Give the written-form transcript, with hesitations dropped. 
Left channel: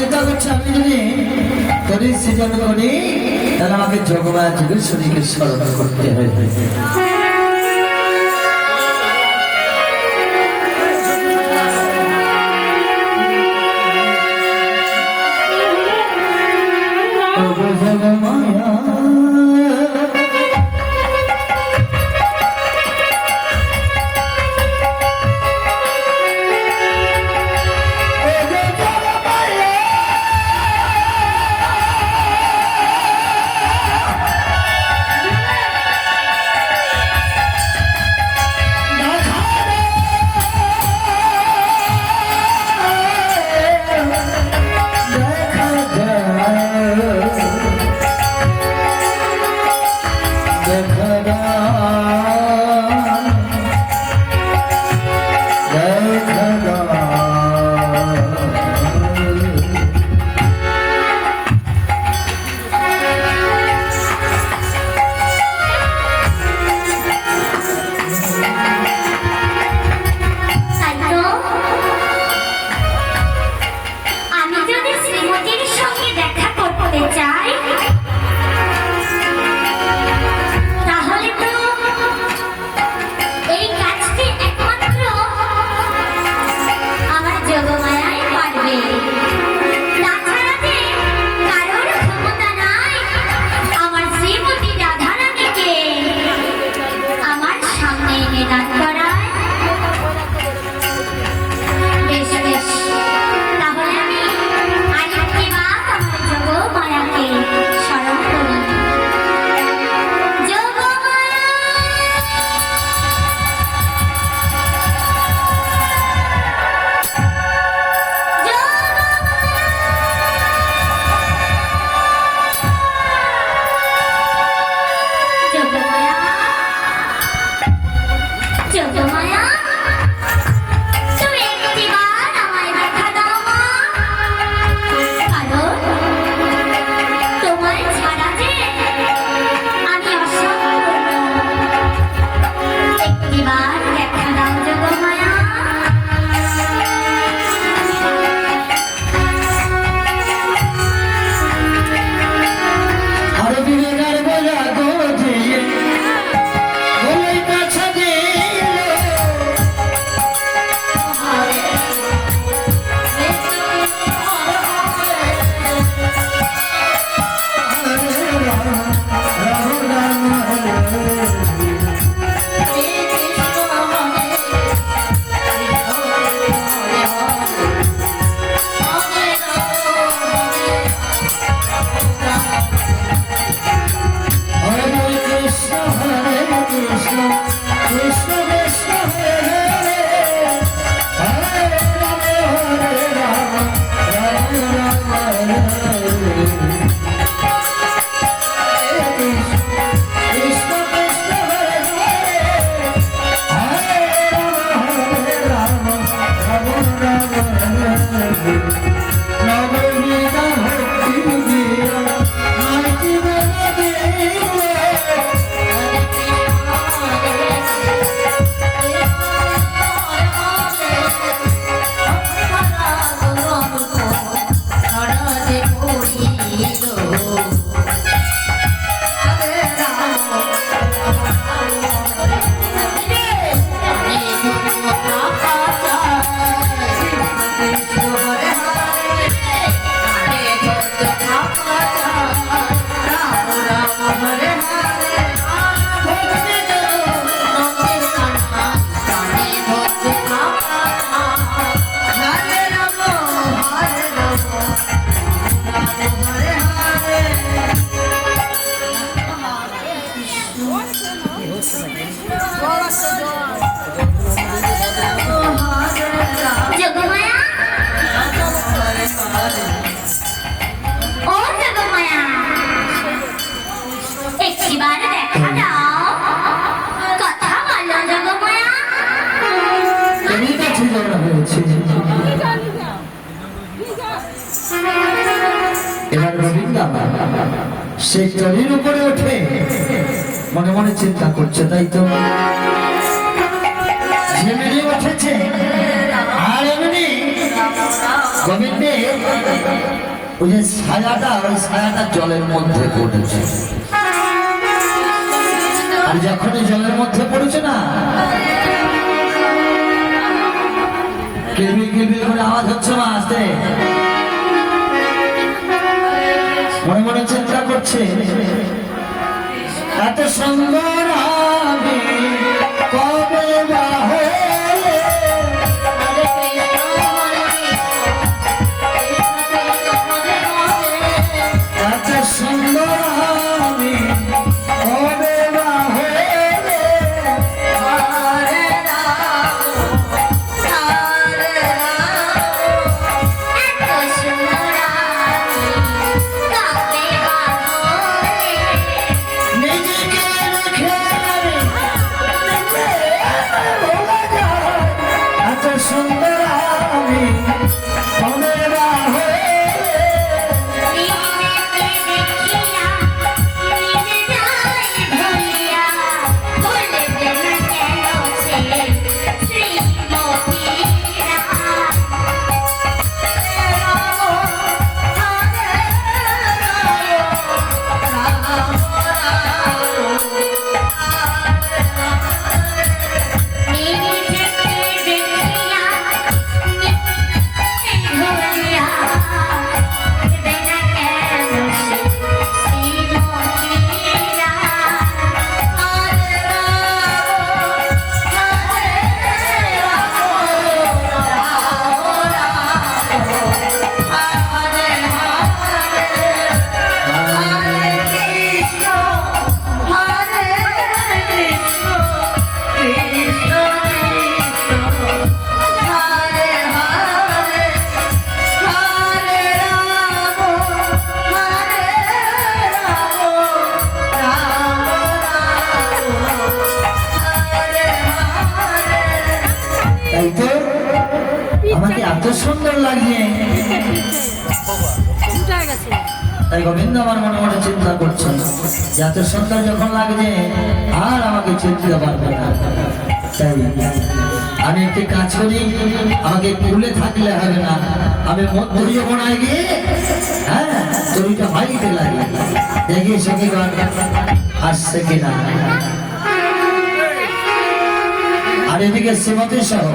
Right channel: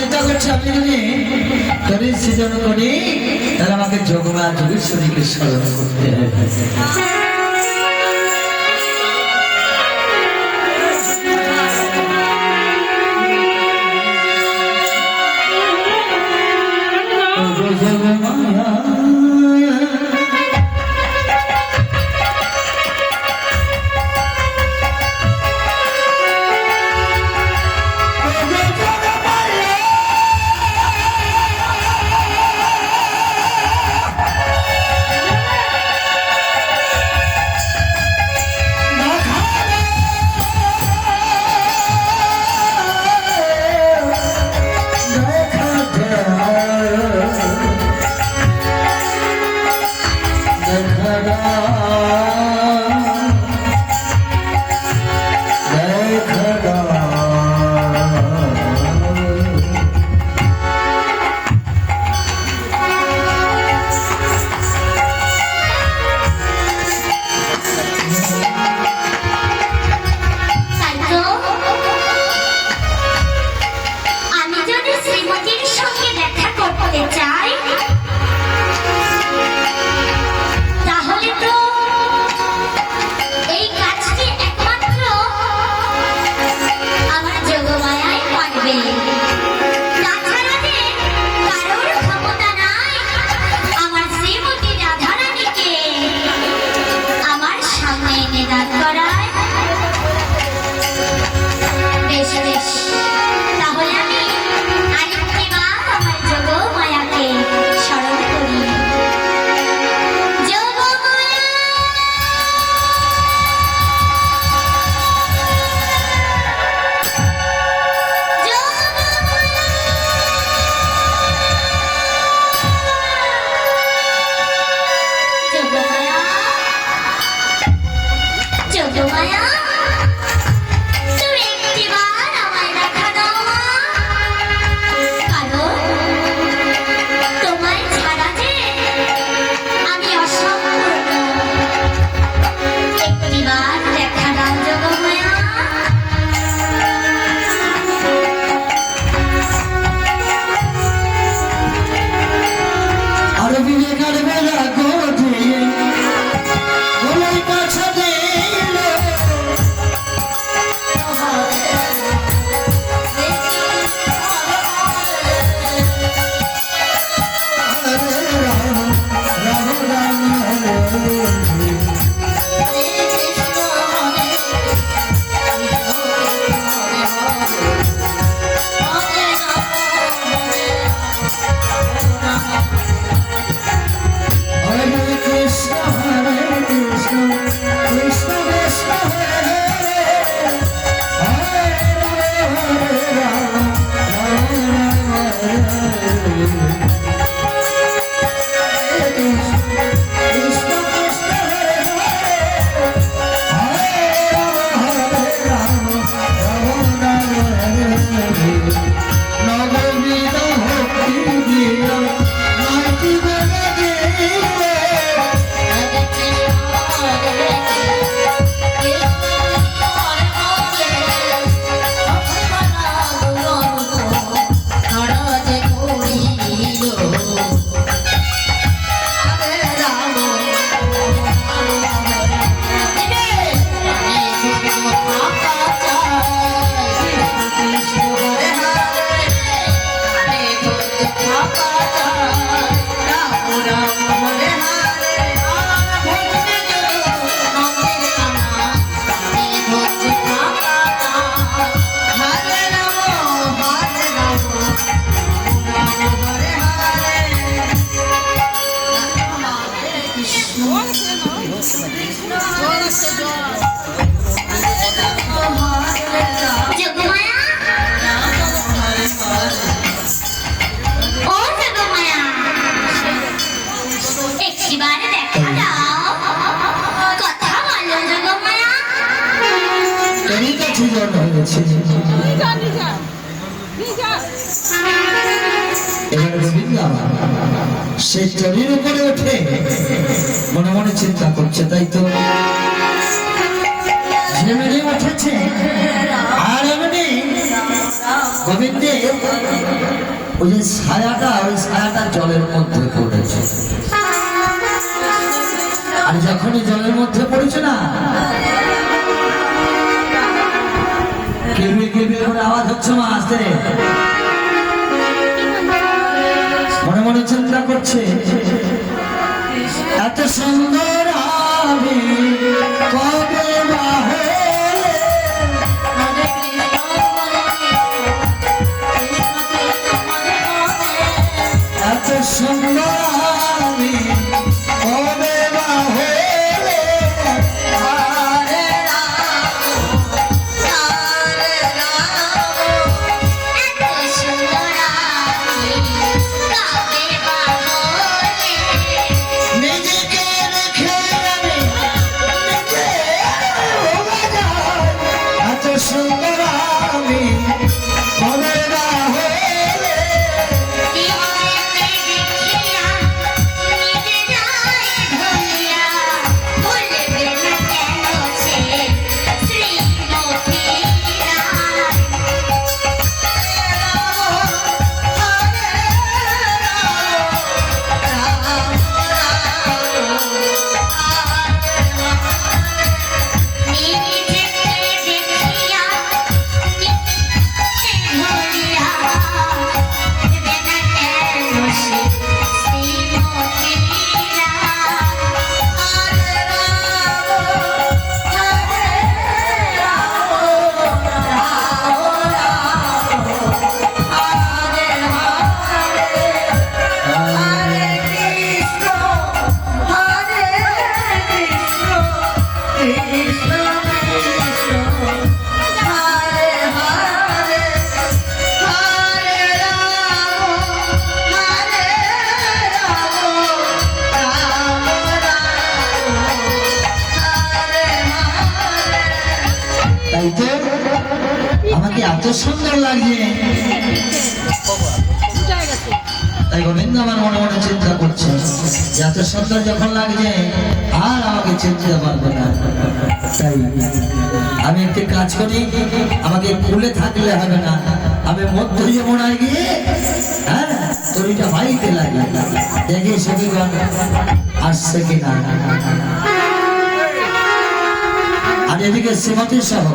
চিন্তা করছি আমি যদি শরীর সৃজন করি তাহলে আমাকে যোগমা যোগেশ্বরীকে স্মরণ করতে হবে। এবার গোবিন্দা সে চরির উপরে ওঠে মনে মনে চিন্তা করছে, তাই তো ঝিমিয়ে উঠেছে আর এমনি গোবিন্দের ওই যে ছায়াটা, ওই ছায়াটা জলের মধ্যে পড়েছে। আর যখন জলের মধ্যে পড়েছে না, কেবিল কেবিল করে আওয়াজ হচ্ছে না, আসতে মনে মনে চিন্তা করছে, এত সুন্দর হবে কবে বা হবে। এত সুন্দর হবে কবে বা হবে। নিজেকে দেখে আমি নিজে ভোলা যায়। এত সুন্দর আমি কবে বা হবে। তাই তো আমাকে এত সুন্দর লাগছে। তাই গোবিন্দ আমার মনে মনে চিন্তা করছে, যে এত সুন্দর যখন লাগছে আর আমাকে চিনতে পারবে না। তাই আমি একটি কাজ করি, আমাকে খুলে থাকলে হবে না, আমি মধ্য যমুনায় গিয়ে হ্যাঁ তরিটা ভাইতে লাগে, দেখি সখীগণ আসছে কিনা। আর এদিকে শ্রীমতী সহ